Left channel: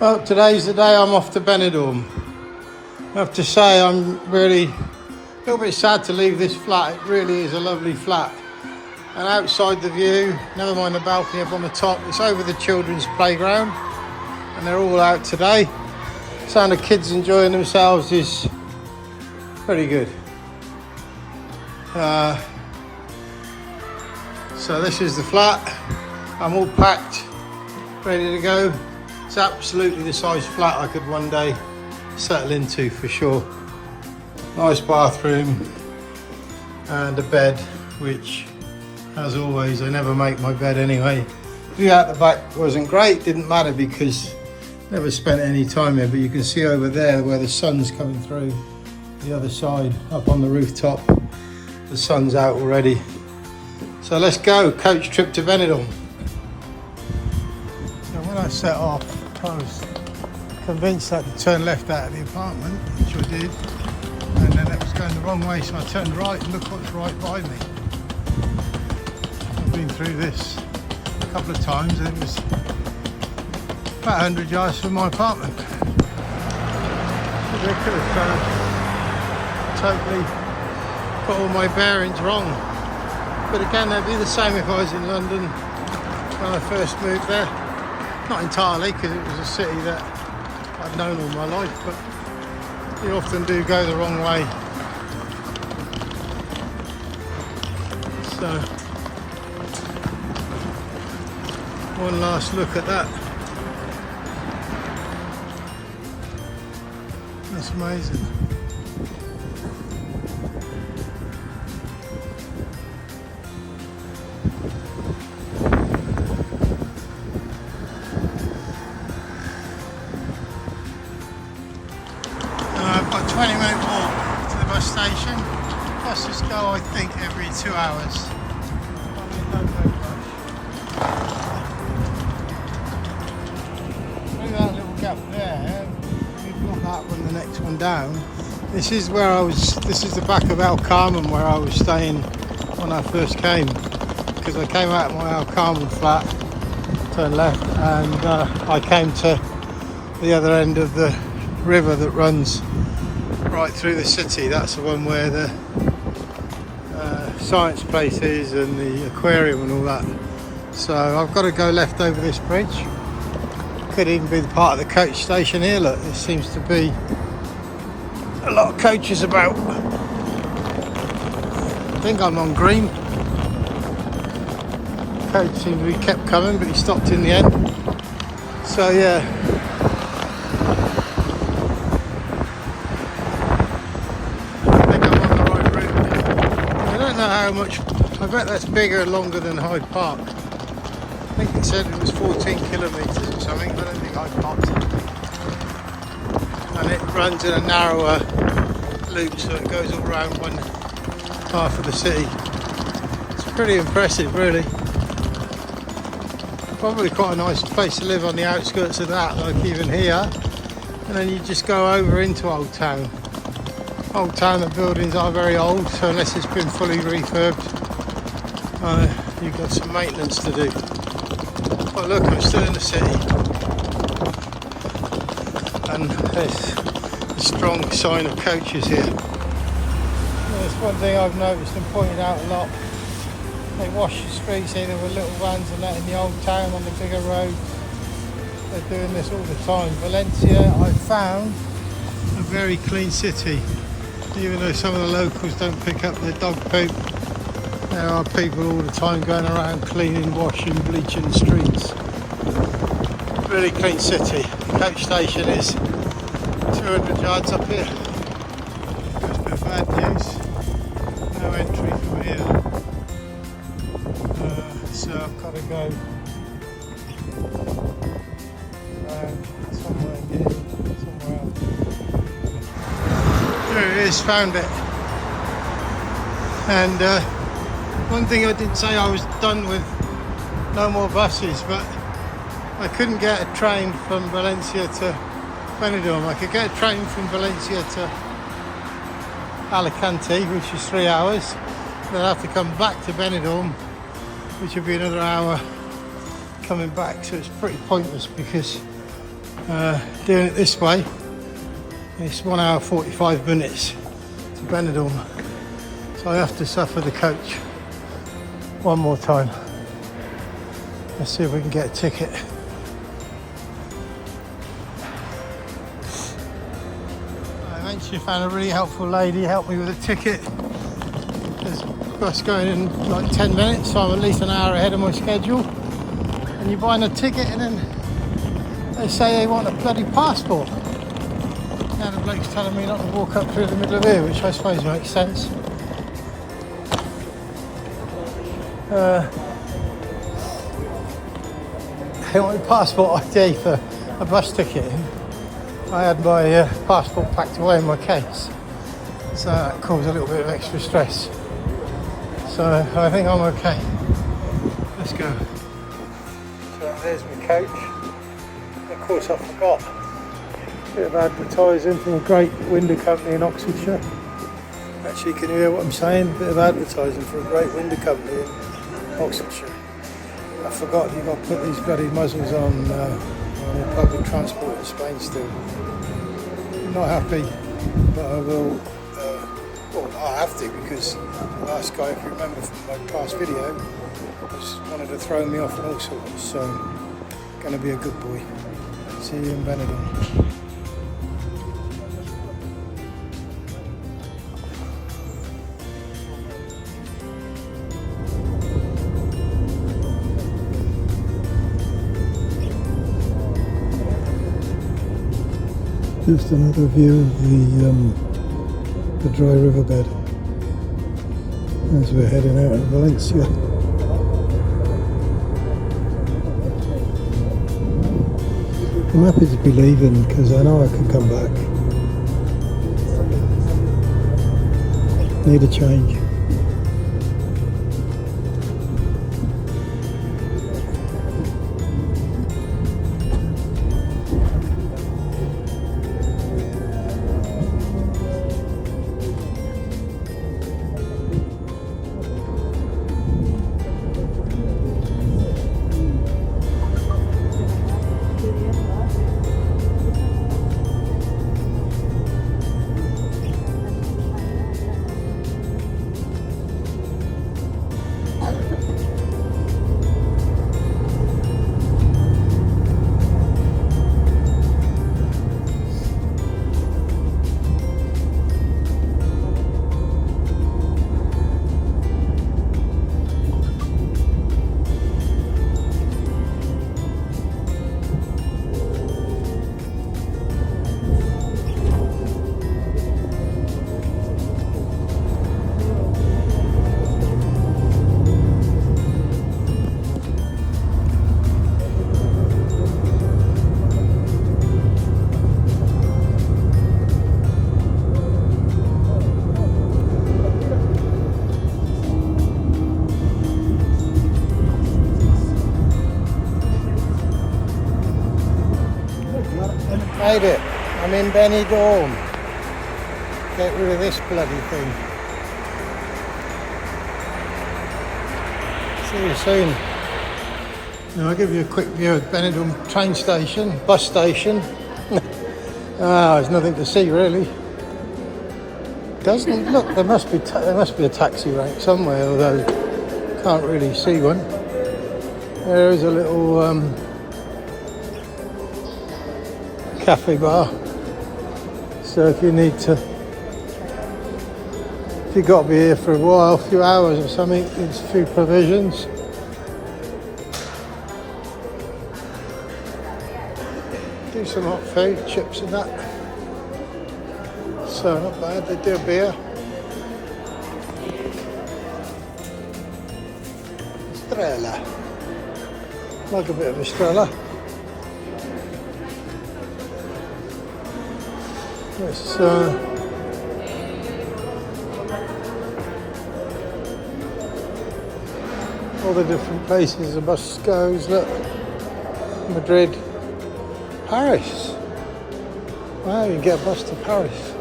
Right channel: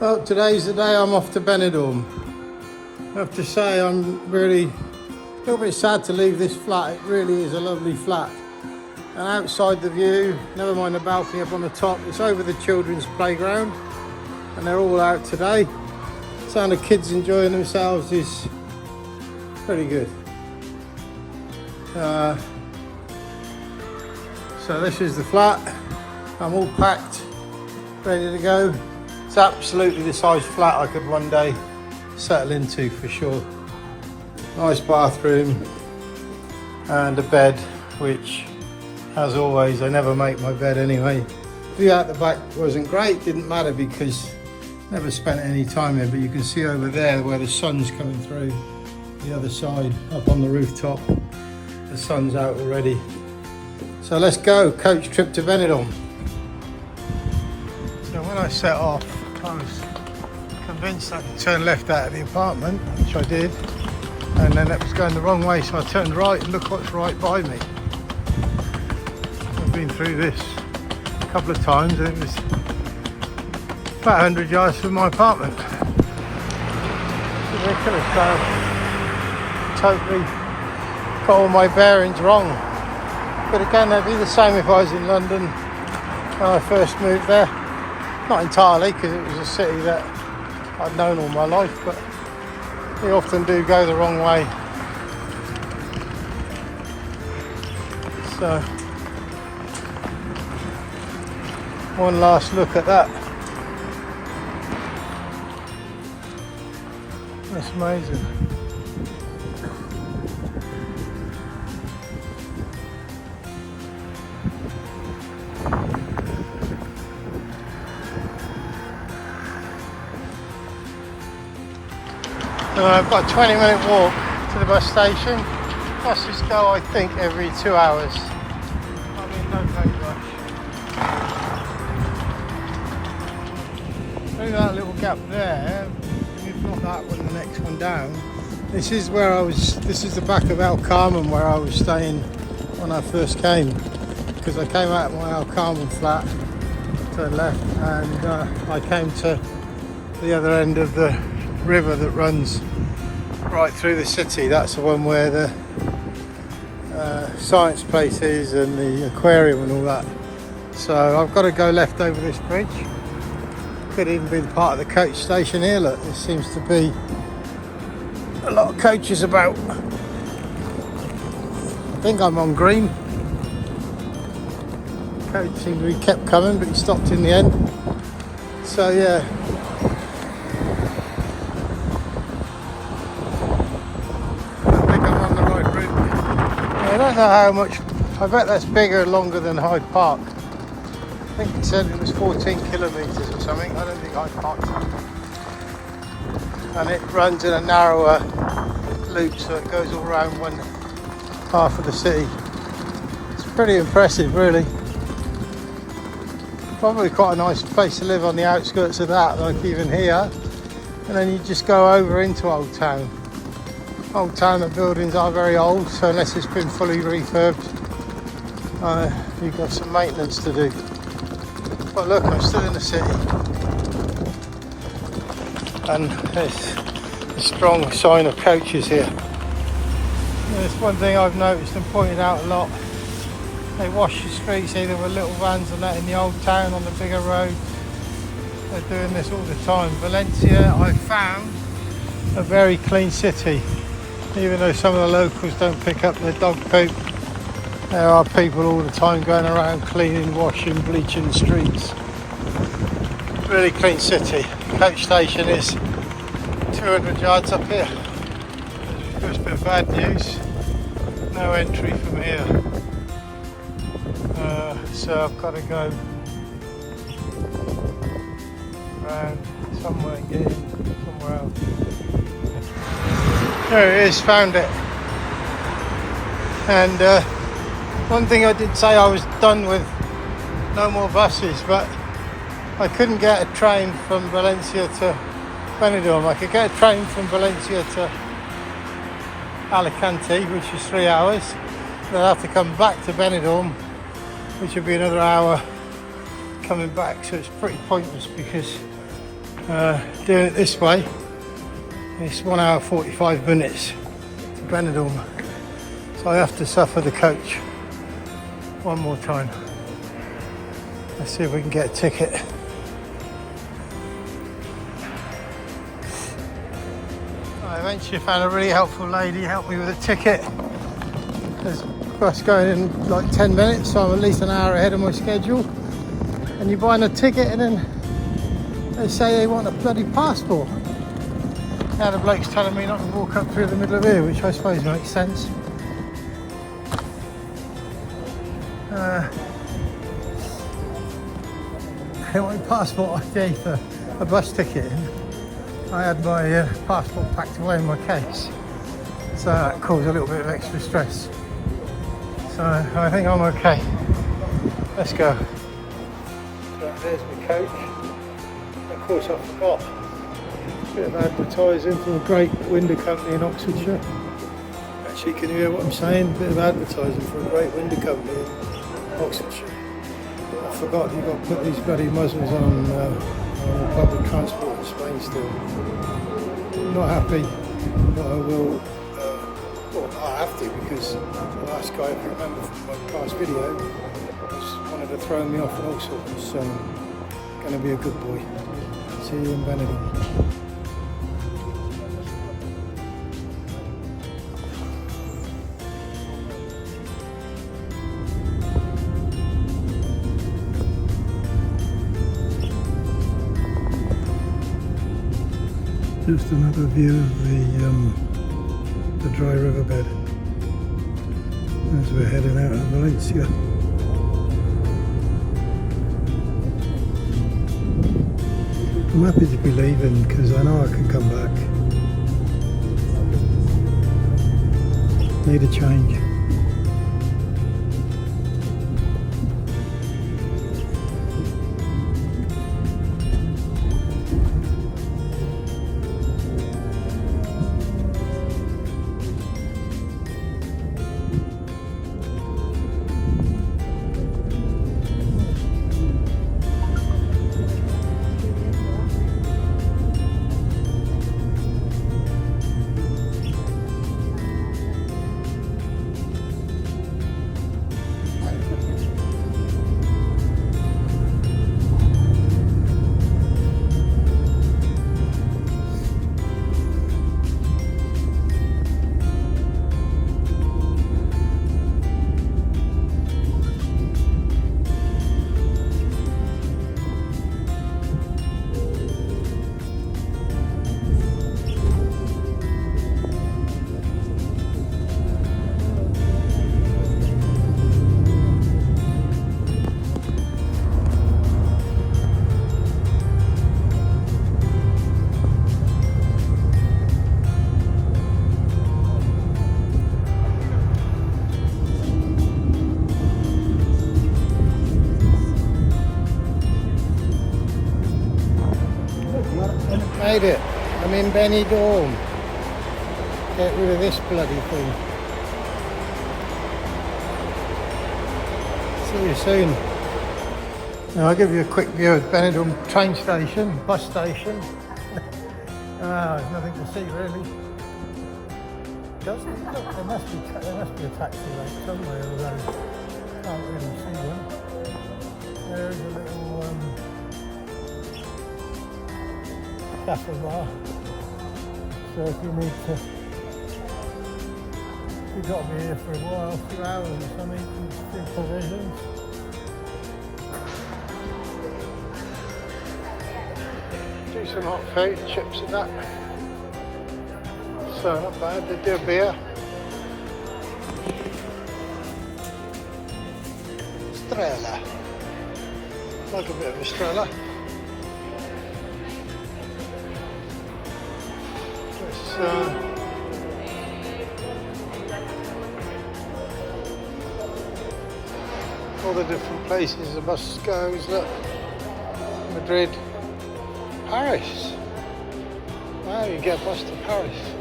Well, today's the day I'm off to Benidorm. I have to say I'm really a little bit sad to leave this flat. It really is a lovely flat. And outside the view, never mind the balcony up on the top, it's over the children's playground. And they're all out today. Sound of kids enjoying themselves is pretty good. So this is the flat. I'm all packed, ready to go. It's absolutely the size flat I could one day settle into for sure. Nice bathroom and a bed, which as always, I never make my bed anyway. View out the back wasn't great, didn't matter because I never spent any time here, but you can see over there where the sun's coming through the other side, up on the rooftop. The sun's out already. So let's go, coach trip to Benidorm. So when I set off, I was convinced I could turn left out of the apartment, which I did, and then it was going the wrong way, so I turned right and look what's right by me. I've been through this a couple of times and it was about 100 yards from my apartment. It's ridiculous, totally got all my bearings wrong. But again, that'd be the same if I was in London when I first moved there. Not entirely, because it was a city that I'd known all my life, but you often do go the wrong way. So, one last look at that. That's amazing. I've got a 20-minute walk to the bus station. Buses go, I think, every 2 hours. I mean, don't take much. Through that little gap there, if you put that one, the next one down. This is where I was. This is the back of El Carmen where I was staying when I first came, because I came out of my El Carmen flat, turned left, and I came to the other end of the river that runs right through the city. That's the one where the science place is and the aquarium and all that. So I've got to go left over this bridge. Could even be the part of the coach station here. Look, there seems to be a lot of coaches about. I think I'm on green. Coach seemed to be kept coming, but he stopped in the end. So yeah. I don't know how much. I bet that's bigger and longer than Hyde Park. I think it said it was 14 kilometres or something. I don't think Hyde Park's that. And it runs in a narrower loop, so it goes all around one half of the city. It's pretty impressive, really. Probably quite a nice place to live on the outskirts of that, like even here. And then you just go over into Old Town. Old Town, the buildings are very old, so unless it's been fully refurbed, you've got some maintenance to do. But look, I'm still in the city. And there's a strong sign of coaches here. There's one thing I've noticed and pointed out a lot. They wash the streets either with little vans and that in the Old Town on the bigger roads. They're doing this all the time. Valencia, I've found, a very clean city. Even though some of the locals don't pick up their dog poop, there are people all the time going around cleaning, washing, bleaching the streets. Really clean city. The coach station is 200 yards up here. There's a bit of bad news. No entry from here. So I've got to go around somewhere and get in somewhere else. There it is, found it. And one thing I did say I was done with no more buses, but I couldn't get a train from Valencia to Benidorm. I could get a train from Valencia to Alicante, which was 3 hours. Then I'd have to come back to Benidorm, which would be another hour coming back. So it's pretty pointless because Doing it this way, it's 1 hour 45 minutes to Benidorm, so I have to suffer the coach one more time. Let's see if we can get a ticket. I eventually found a really helpful lady, helped me with a ticket. There's a bus going in like 10 minutes, so I'm at least an hour ahead of my schedule. And you're buying a ticket and then they say they want a bloody passport. Now the bloke's telling me not to walk up through the middle of here, which I suppose makes sense. They want a passport ID for a bus ticket. I had my passport packed away in my case, so that caused a little bit of extra stress. So I think I'm okay. Let's go. So there's my coach. Of course I forgot. A bit of advertising from a great window company in Oxfordshire. Actually, can you hear what I'm saying? A bit of advertising for a great window company in Oxfordshire. I forgot you've got to put these bloody muzzles on public transport in Spain still. I'm not happy, but I will. Well, I have to, because the last guy, if you remember from my past video, wanted to throw me off and all sorts. So, going to be a good boy. See you in Benidorm. Just another view of the dry riverbed as we're heading out of Valencia. I'm happy to be leaving because I know I can come back. Need a change. Made it. I'm in Benidorm. Get rid of this bloody thing. See you soon. Now I'll give you a quick view of Benidorm train station, bus station. There's nothing to see really. Doesn't look. There must be a taxi rank somewhere, although can't really see one. There is a little cafe bar, so if you've got to be here for a while, a few hours or something, there's a few provisions. Do some hot food, chips and that. So not bad. They do a beer. Estrella. Like a bit of Estrella. It's all the different places the bus goes. Look, Madrid, Paris. Wow, you get a bus to Paris.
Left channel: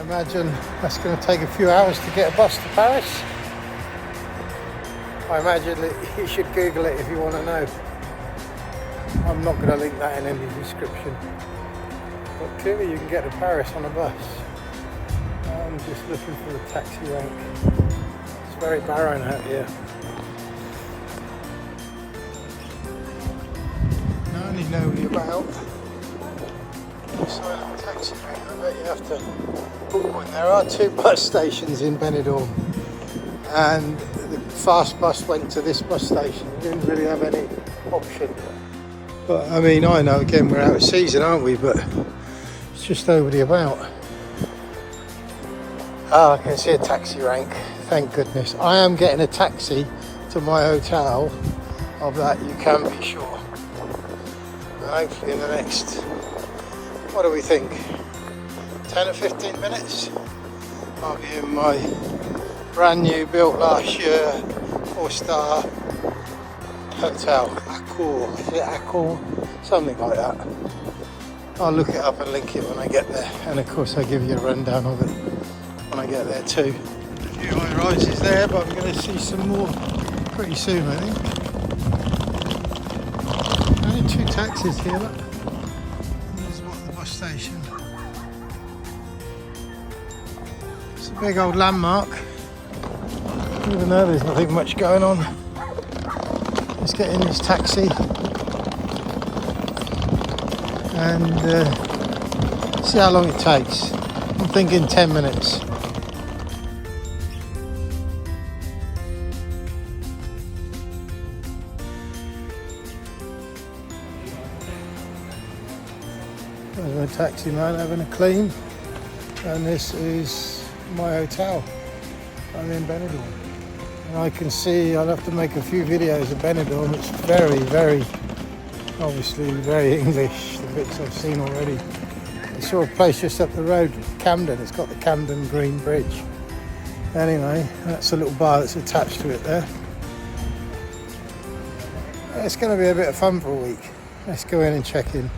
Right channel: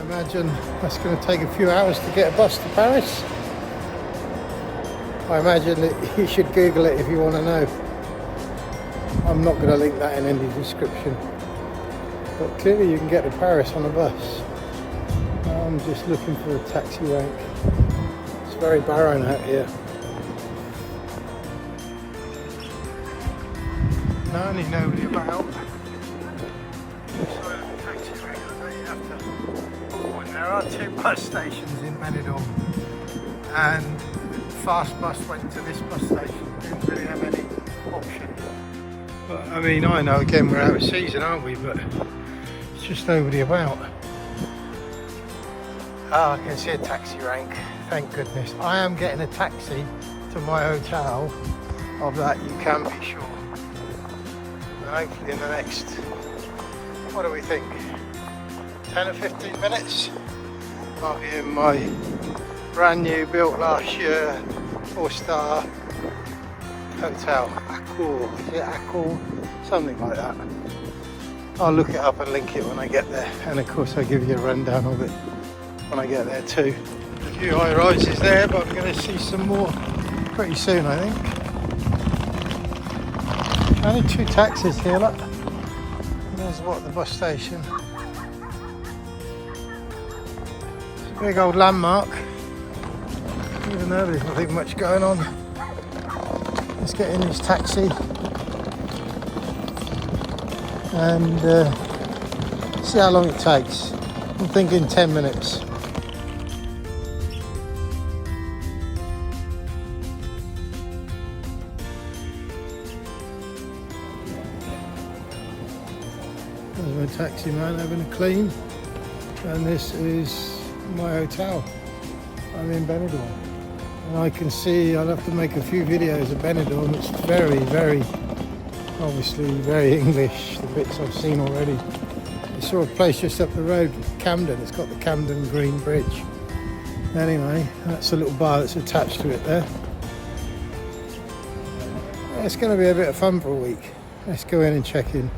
I imagine that's going to take a few hours to get a bus to Paris. I imagine that you should Google it if you want to know. I'm not going to link that in any description. But clearly you can get to Paris on a bus. I'm just looking for a taxi rank. It's very barren out here. No, only nobody about. Side of the taxi rank, I bet you have to book one. There are 2 bus stations in Benidorm, and the fast bus went to this bus station. Didn't really have any option. But I mean, I know again we're out of season, aren't we? But it's just nobody about. Ah, I can see a taxi rank. Thank goodness. I am getting a taxi to my hotel. Of that you can be sure. And hopefully in the next, what do we think, 10 or 15 minutes, I'll be in my brand new, built last year, 4-star hotel. Accor, is it Accor? Something like that. I'll look it up and link it when I get there, and of course I'll give you a rundown of it when I get there too. A few high rises there, but I'm going to see some more pretty soon, I think. Only 2 taxis here, look. There's what, the bus station. It's a big old landmark, even though there's nothing much going on. Let's get in this taxi and see how long it takes. I'm thinking 10 minutes. There's my taxi man having a clean, and this is my hotel. I'm in Benidorm, and I can see I'll have to make a few videos of Benidorm. It's very, very, obviously very English, the bits I've seen already. I saw a place just up the road, Camden. It's got the Camden Green Bridge. Anyway, that's a little bar that's attached to it there. It's going to be a bit of fun for a week. Let's go in and check in.